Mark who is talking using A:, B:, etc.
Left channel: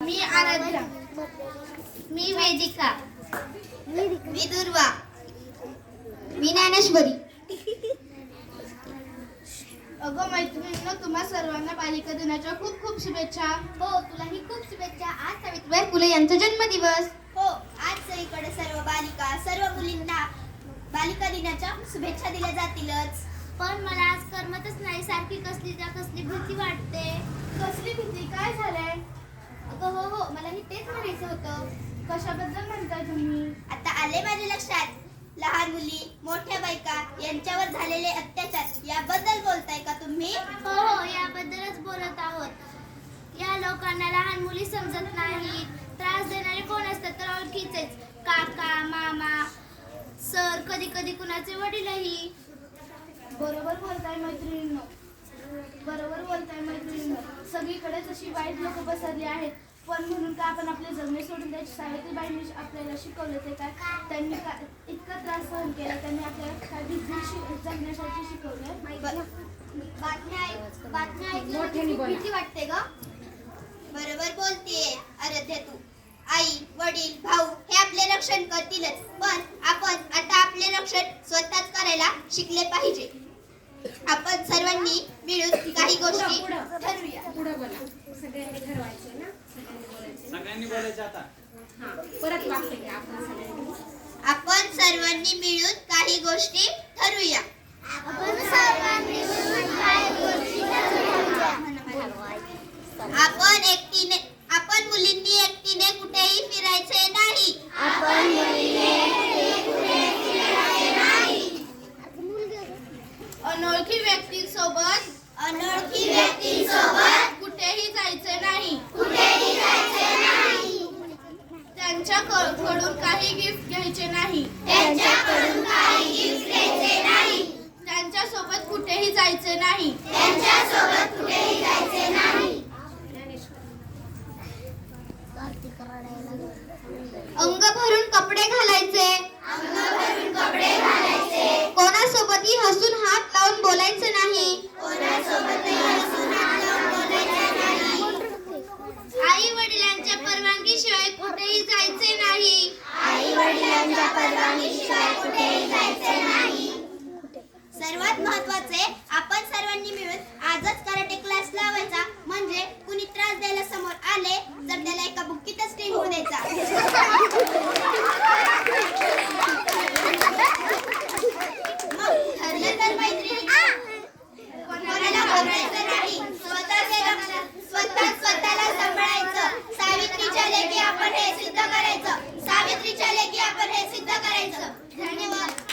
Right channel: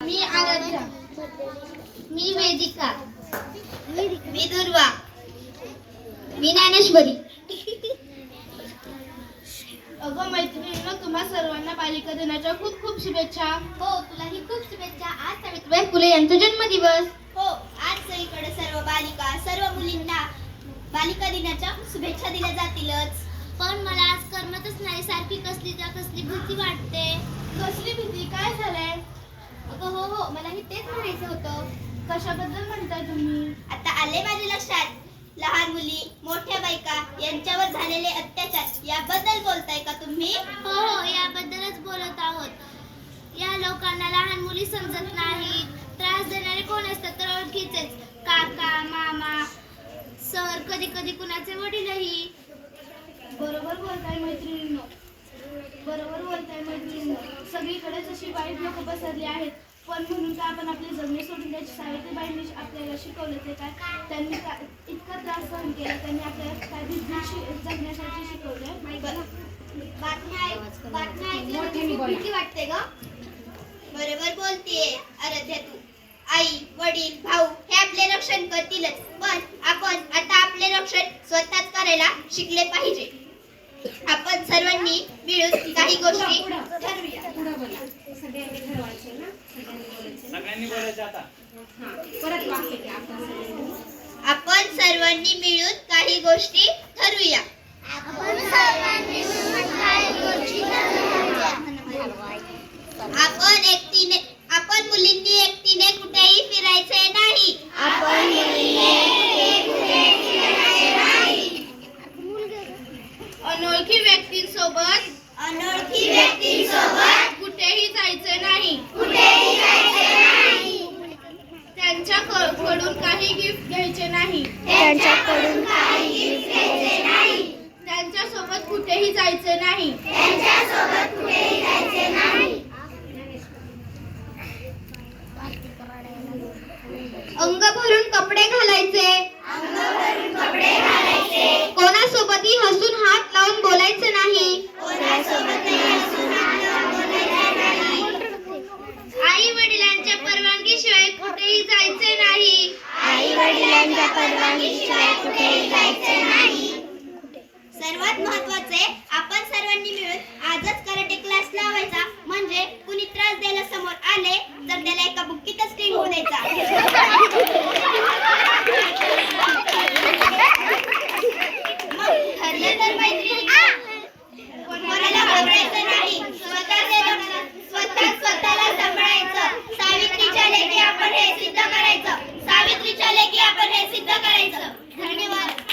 A: मी आराध्या. मी वेदिका. मी दुर्वा. मी ज्ञानेश्वरी. अगं मैत्रिणींनो, तुम्हा सर्वांना बालिका दिनाच्या खूप खूप शुभेच्छा.
B: हो, तुलाही खूप शुभेच्छा. आज
A: सावित्रीबाई फुले यांचा जन्मदिवस.
B: हो, आज सगळीकडे सर्व बालिका, सर्व मुलींना बालिका दिनाच्या शुभेच्छा दिल्या जातीलच. पण मला आज करमतच नाही. सारखी कसली भीती वाटते.
A: कसली भीती? काय झालंय?
B: अगं हो, मलाही तेच म्हणायचं होतं.
A: कशाबद्दल म्हणताय तुम्ही?
B: आता आले माझ्या लक्षात. लहान मुली, मोठ्या बायका यांच्यावर झालेले अत्याचार याबद्दल बोलताय का तुम्ही?
C: हो, याबद्दलच बोलत आहोत. या लोकांना लहान मुली समजत नाही. त्रास देणारे कोण असतात तर ओळखीचेच. काका, मामा, सर, कधी कधी कुणाचे वडीलही.
A: बरोबर बोलताय मैत्रिणींनो. सगळीकडेच अशी वाईट लोक पसरली आहेत. पण म्हणून का आपण आपले जगणे सोडून द्यायचे? सावित्रीबाईंनी आपल्याला शिकवलं ते काय? त्यांनी इतका त्रास सहन केला. त्यांनी आपल्याला काय जगण्यासाठी शिकवलं.
B: बातम्या ऐकल्यावर खूप भीती वाटते ग. बरोबर बोलतेय आराध्या तू. आई, वडील, भाऊ हे आपले रक्षण करतीलच, पण आपण आता आपले रक्षण स्वतःच करायला शिकले पाहिजे. आपण सर्वांनी मिळून काही गोष्टी ठरवूया. आपण सर्वांनी मिळून काही गोष्टी ठरवूया. आपण मुलींनी एकटीने कुठेही फिरायचे नाही.
A: अनोळखी व्यक्तींसोबत कुठेही जायचे नाही. त्यांच्याकडून काही गिफ्ट घ्यायचे नाही. त्यांच्यासोबत कुठेही जायचे नाही. अंग भरून कपडे घालायचे. कोणासोबतही हसून हात लावून बोलायचे नाही.
C: आई वडिलांच्या परवानगीशिवाय कुठेही जायचे नाही.
B: सर्वात महत्त्वाचे, आपण सर्वांनी मिळून आजच कराटे क्लास लावायचा. म्हणजे कुणी त्रास द्यायला समोर आले तर त्याला एका बुक्कीतच टिंगू द्यायचा. मग ठरलं तर मैत्रिणी, कोणाला घाबरायचं नाही. स्वतःला सांभाळायचं. सावित्रीच्या लेकी आपण हे सिद्ध करायचं.